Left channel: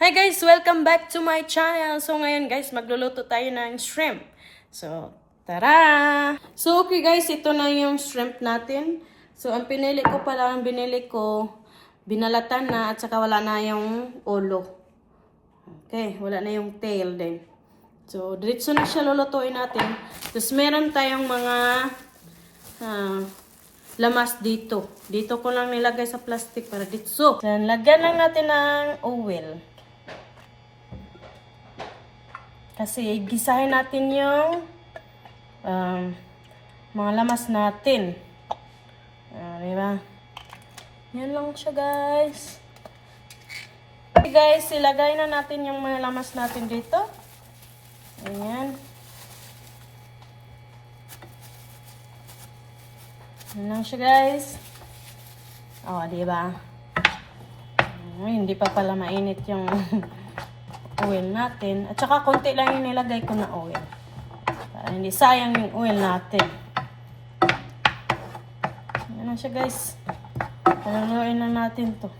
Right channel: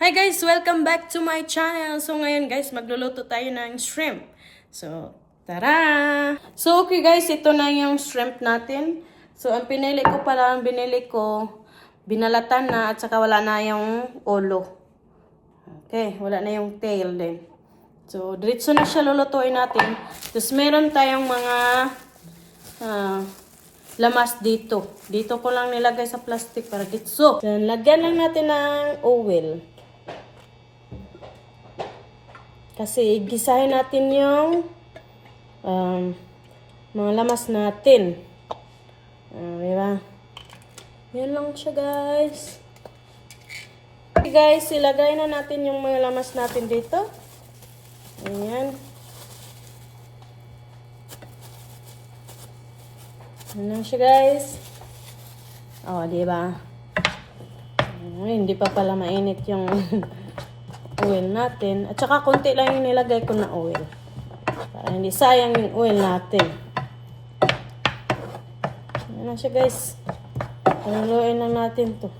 Hi guys! Welcome back to my channel. So ngayon guys, magluluto tayo ng shrimp. So, tara! So okay guys, ito na yung shrimp natin. So ang binili ko, binalatan na at saka wala na yung ulo. Okay, wala na yung tail din. So diretso na siya lulutuin natin. Tapos meron tayong mga lamas dito. Dito ko lang nilagay sa plastic para dito. So, lagyan lang natin ng oil. Kasi gisahin natin yung mga lamas natin. Diba? Yan lang siya guys. Okay guys, ilagay na natin yung mga lamas natin dito. Ayan. Yan lang siya guys. Diba? Hindi pa pala mainit yung oil natin. At saka konti lang yung nilagay ko na oil. Para hindi sayang yung oil natin. Yan lang siya guys. Haluluin lang natin to.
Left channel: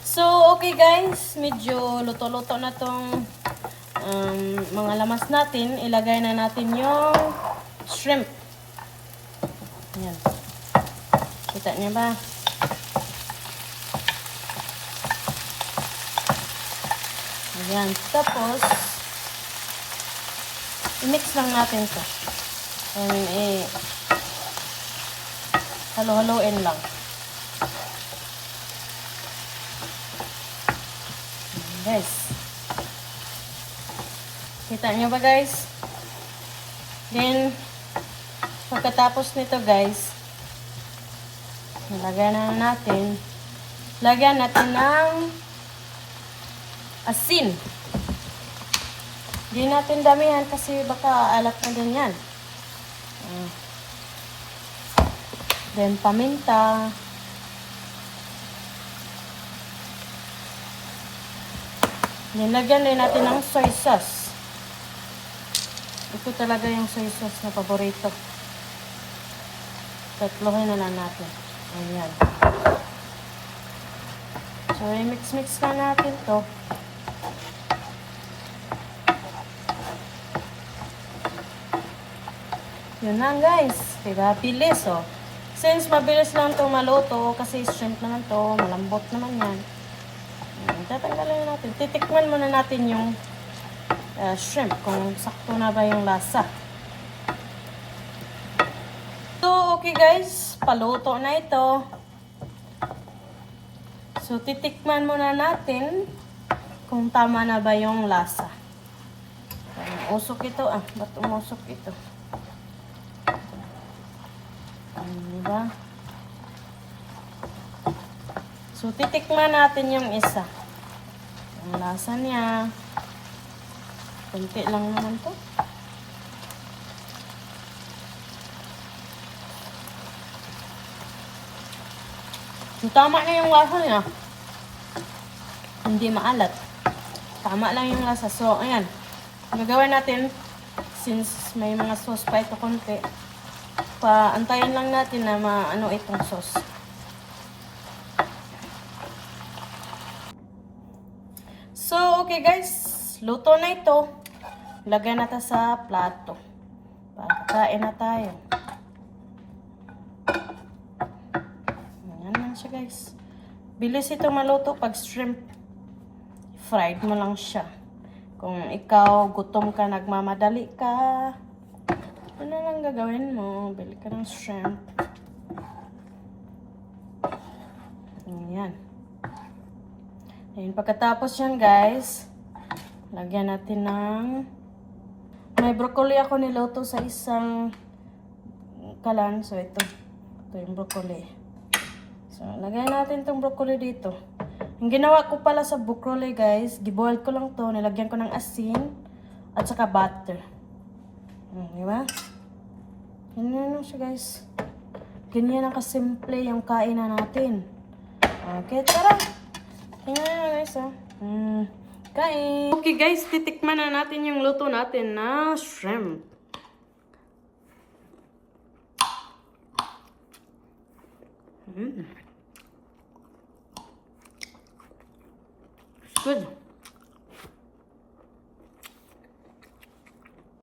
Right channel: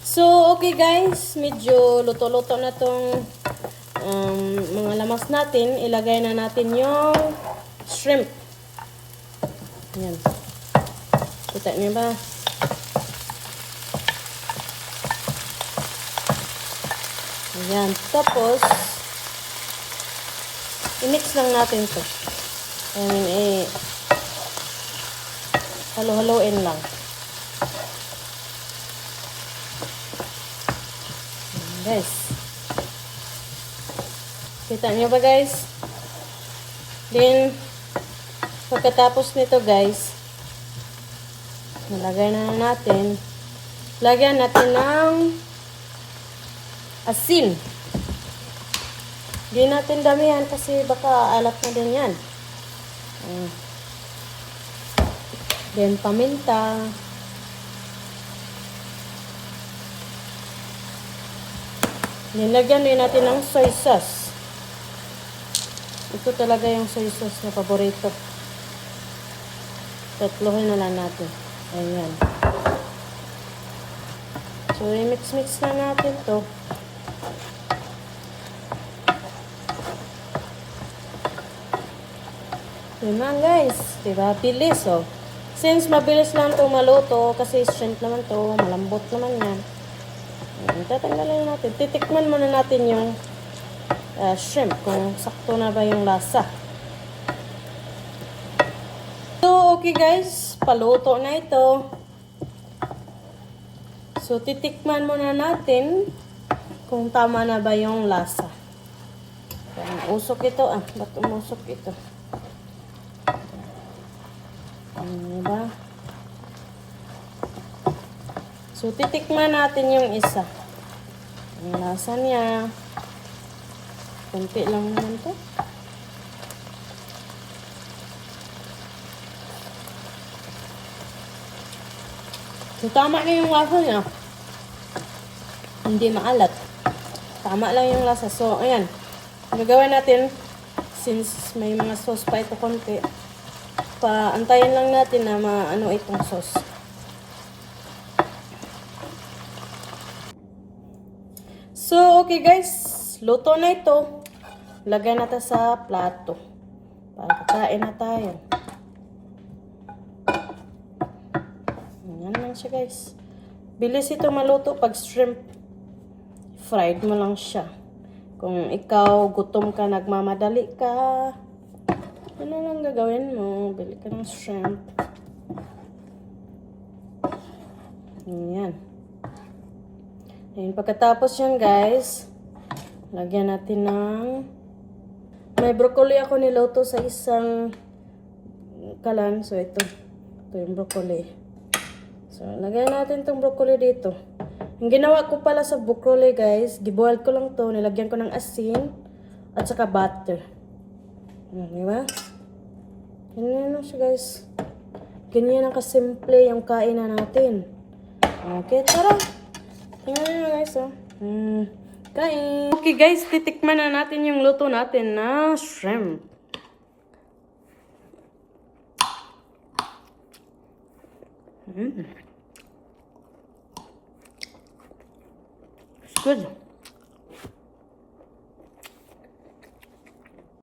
So, okay guys. Medyo luto-luto na tong mga lamas natin. Ilagay na natin yung shrimp. Yan. Kita niya ba? Ayan. Tapos, i-mix lang natin to. Halo-haloin lang. Ayan, guys. Kita nyo ba guys? Then, pagkatapos nito guys, nalagyan na natin. Lagyan natin ng asin. Hindi natin damihan kasi baka alat na din yan. Then paminta. Nilagyan din natin ng soy sauce. Ito talaga yung soy sauce na paborito. Tatlohin na lang natin. Ayan. So, i-mix-mix na natin to. Yun lang guys. Diba? Bilis oh. Since mabilis lang to maluto, kasi shrimp naman to, malambot naman yan. Tatanggalin natin. Titikman muna natin yung shrimp kung sakto na ba yung lasa. So, okay guys. Paluto na ito. So, titikman muna natin kung tama na ba yung lasa. Usok ito. Ba't umusok ito? Diba? So, titikman natin yung isa. Ang lasa niya. Kunti lang naman to. So, tama na yung lasa niya. Hindi maalat. Tama lang yung lasa. So, ayan. Gagawin natin, since may mga sauce pa ito konti, antayin lang natin na maano itong sauce. So, okay guys. Luto na ito. Lagyan natin sa plato. Para kakain na tayo. Ayan lang siya guys. Bilis ito maluto pag shrimp. Fried mo lang siya. Kung ikaw gutom ka, nagmamadali ka, ano lang gagawin mo? Bili ka ng shrimp. Ayan. Ayan. Pagkatapos yan guys, lagyan natin ng... May broccoli ako niluto sa isang kalan. So ito yung broccoli. So lagyan natin tong broccoli dito. Ang ginawa ko pala sa broccoli guys, giboil ko lang to, nilagyan ko ng asin at saka butter. Diba? Ganyan lang siya guys. Ganyan ang kasimple yung kainan natin. Okay, tara. Tingnan nyo guys kain. Okay guys, titikman na natin yung luto natin na shrimp. Good.